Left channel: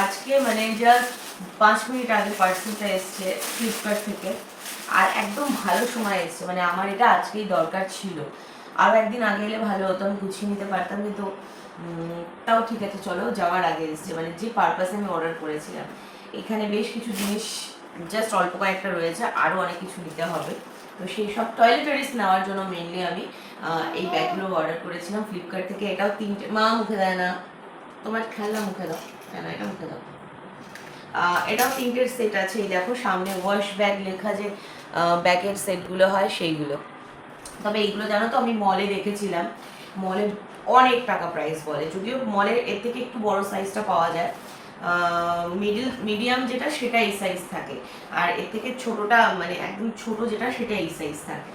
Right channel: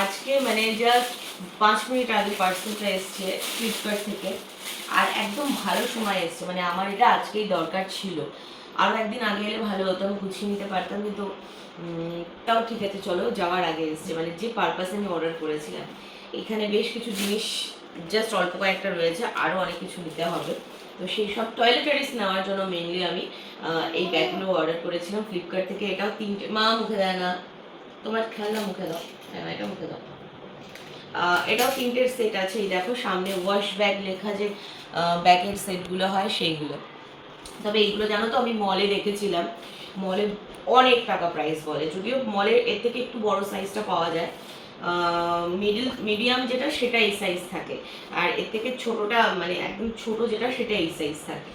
আজকে মানে just 5 minute আগে পার্সেলটা এসছে ফ্লিপকার্ট থেকে, আর একদম ভালো সময় এসছে, মানে আমার এটা আজকেই দরকার ছিল। আরও একদিন আগে এলে ভালো হতো, আমি গুছিয়ে নিতে পারতাম, কিন্তু তাও ঠিক আছে, চলো যাওয়ার আগে এসছে, মানে যে পারপাসে আমি অর্ডার করেছিলাম। এখানে বেশ কিছু জিনিস জাস্ট অল্প কয়েকটা রয়েছে, আরও অনেক কিছু নিতে হবে। তো সেই সব টয়লেটারিজ নেওয়ার জন্য মেনলি আমি এই ব্যাগগুলো অর্ডার করেছিলাম ফ্লিপকার্ট থেকে। এটাও 3টে, মা মুখে দেয় না, তোমার খেলনা মুখে দাও, না এটা মুখে দাও। এটাও 3টের সেট আছে, এই দেখো সামনে ওয়াশ ব্যাগ লেখা যে ব্যাগের সেটগুলো হয় সেইগুলো। তবে এইগুলো জানো তো আমি মলে দেখেছিলাম, মলে অনেক টাকা প্রাইস বলে, যদিও মলে এর থেকে একটু বড় সাইজটা পাওয়া যায়। মিডিয়াম যেটা সেটা এই সাইজ থাকে, আর এর থেকে ছোটটা মানে একদম ছোট যেটা সেটা এই সাইজ থাকে,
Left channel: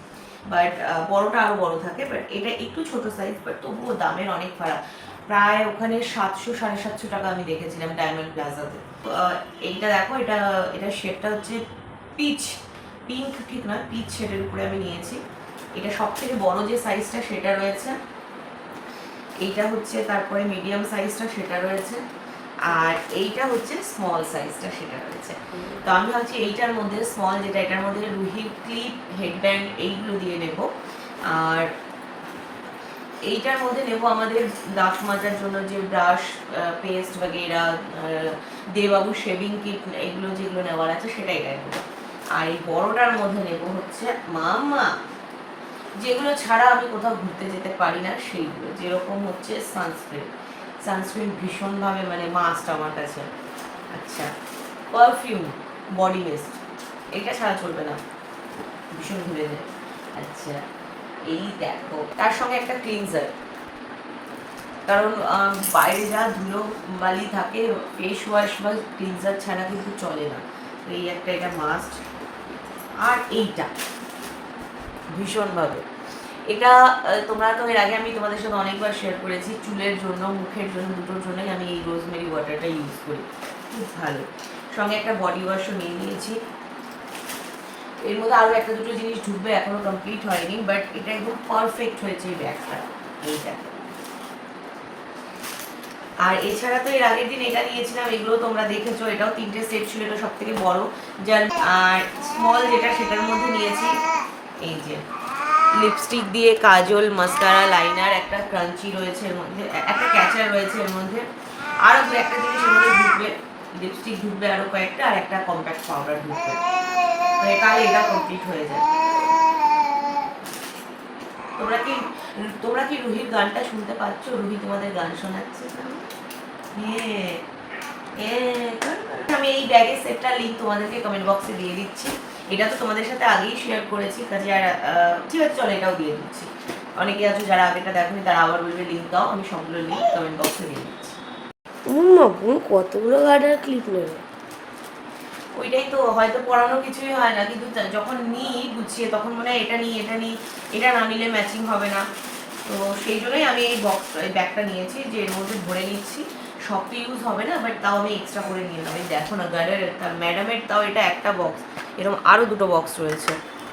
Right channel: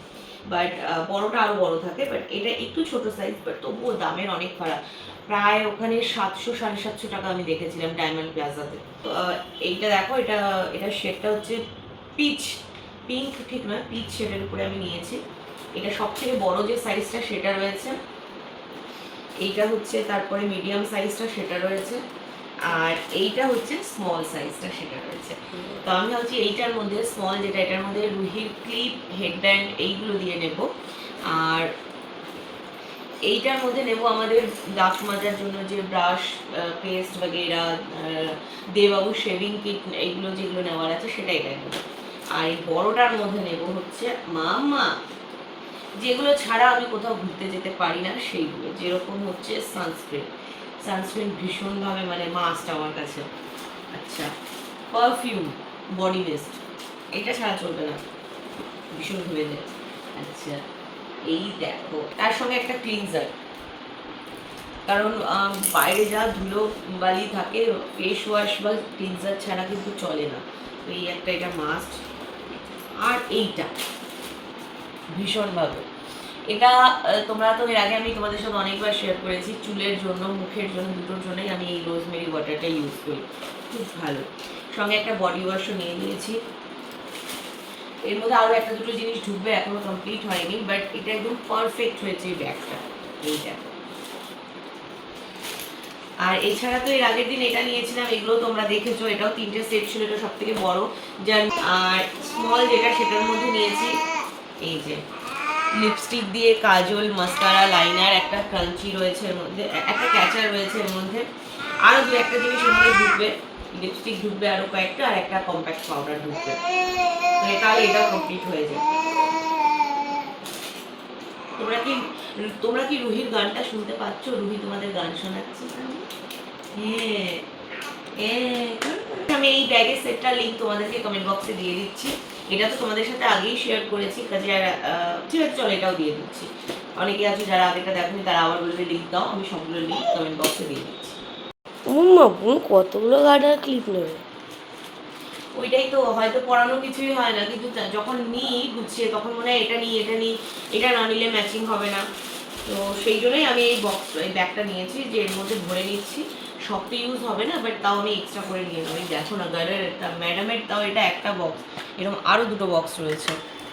বাট বড়টা আরো বড় থাকে। বাট এটা একটু ছোট সাইজ, বাট তবুও দামের অনেক ফারাক। প্রায় ওখানে 700-750 টাকা আমি দেখেছিলাম ডায়মন্ড প্লাজাতে। এইটা দেখো, এটা এটা শেডটা হচ্ছে পিঙ্ক ঠিক নয়, পিচ শেডের উপরে আমি নিয়েছি। এটা সব থেকে বড় যে সাইজটা সেটা রয়েছে, এইটা হচ্ছে তারপরে মিডিয়াম সাইজটা সেটা রয়েছে, আর এইটা হচ্ছে স্মল সাইজটা সেটা রয়েছে। তো আমি ভাবছি এইটার মধ্যে স্মল যেটা, এটার মধ্যে রুহির ক্লিপ, হেডব্যান্ড এইগুলো দিয়ে নেব, আর এইটার মধ্যে নেব আমাদের দাঁত মাজার জন্য যে ব্রাশ, পেস্ট বাগেরা, দেবাবু শেভিং কিট, এইগুলো যেগুলো নেওয়ার আছে সেটা এটাই নেব। আর এই বড়টার মধ্যে নেব হচ্ছে মামা, যেগুলো ছাড়া আমি কোথাও ঘুরতে যেতে পারি না সেইগুলো, যেরকম হচ্ছে সানস্ক্রিন ভীষণভাবে মানে মাস্ট আমার কাছে। আচ্ছা, পারফিউম, বডি মিস্ট, এইটা ছাড়া চলবে না, ভীষণ ঘুরে যায়। আচ্ছা, এই দেখো তার সঙ্গে একটা ক্লিনজার, কারণ বাইরে যা ধুলো বালি থাকে, ফেস ওয়াশ বা ক্লিনজার ছাড়া কিন্তু চলে না। তো এই একটা, এটা মাস্ট। আর এইটা ভীষণভাবে, এটা তোমরা তো এর আগে আমি তোমাদের সাথে অনেকবার শেয়ার করেছি, চুলের জন্য মুখের জন্য দুটোর জন্যই আমি এই রোজমেরি ওয়াটারটা ইউজ করি, খুব ভালো। সঙ্গে একটা বডি ওয়াশও নিয়ে নিয়েছি। এর মধ্যে আরও একটা দুটো জিনিস ঢুকবে, এখনো কমপ্লিট হয়নি, বাট এটা একদম পারফেক্ট হয়েছে এই ব্যাগটা, এইটা। আর এছাড়া তো এর আগের দিন এটা নিয়েছিলাম, এগুলো তোমরা দেখেছো, এটাও 3টে সেট ছিল, এটা সব থেকে বড়। যার আর স্মল যেটা সেটার মধ্যে নিয়েছি এই যে লিপস্টিক দিয়ে কাজল, মাস্কারা, লাইনার, একটা ক্রাঞ্চি রয়েছে এর মধ্যে, একটা ক্যাচার রয়েছে এর মধ্যে, আরও দু একটা জিনিস এর মধ্যে ঢুকবে, লিপস্টিক ঢুকবে আরও কয়েকটা, আর একটা কম্প্যাক্ট পাউডার ঢুকবে, মানে তাহলে এটা কমপ্লিট হয়ে যায়। তোমরা কি রুহির গানটা শুনতে পাচ্ছ? রুহি তোমাদের গান শোনাচ্ছে। আমি এই ব্যাগের সেটটার লিঙ্ক তোমাদেরকে কমেন্ট বক্সে দিয়ে দিচ্ছি। এটা তো তোমাদের সাথে আগেই শেয়ার করেছি, কাজে আর ঠিক আছে চলো এটাও দিয়ে দিচ্ছি। অনেকে আছে যারা আগেটা দেখেনি, তারা আবার বলবে লিঙ্ক দাও, আমি সবগুলো লিঙ্ক কমেন্ট বক্সে দিয়ে দিচ্ছি। কতগুলো গার্ডার ক্লিপ নেবে? ওইটাই তো, হয়তো পড়ানো কিছুই হয় না, কিন্তু যখন নিই গুছিয়ে তখন মনে হয় এটা নিই, এটা না নিলে ম্যাচিং হবে না। তো সেই জন্যই আমি এই ব্যাগটা নিয়েছি, যে এর মধ্যে ভরে নিচ্ছি। সব তো ইউজ হবে না, বাট তাও আমি এক্সট্রা করে নিয়ে নেবো। দেখো না গার্ডার, তার ম্যাডামের তাও এটা একটা বক্স, এরকম আরও দুটো বক্স রয়েছে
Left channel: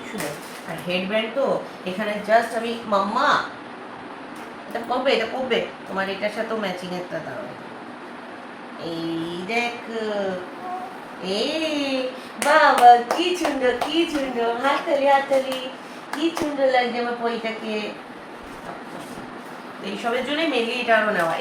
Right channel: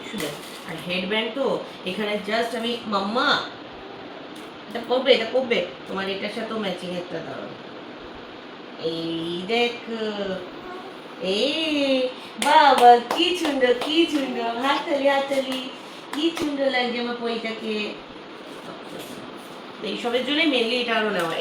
শুধু। আর হেডব্যান্ড তো এখানে জাস্ট আমি মাম্মা, এটা পড়বে তোমার এটার সাথেও ম্যাচিং একটা দাও। এই দেখ, বাবা কি সুন্দর, কি সুন্দর, হাততালি, কি সুন্দর লাগছে আমার পইটাকে। এইসবের জন্যই মেনলি এটা আরো নেওয়া।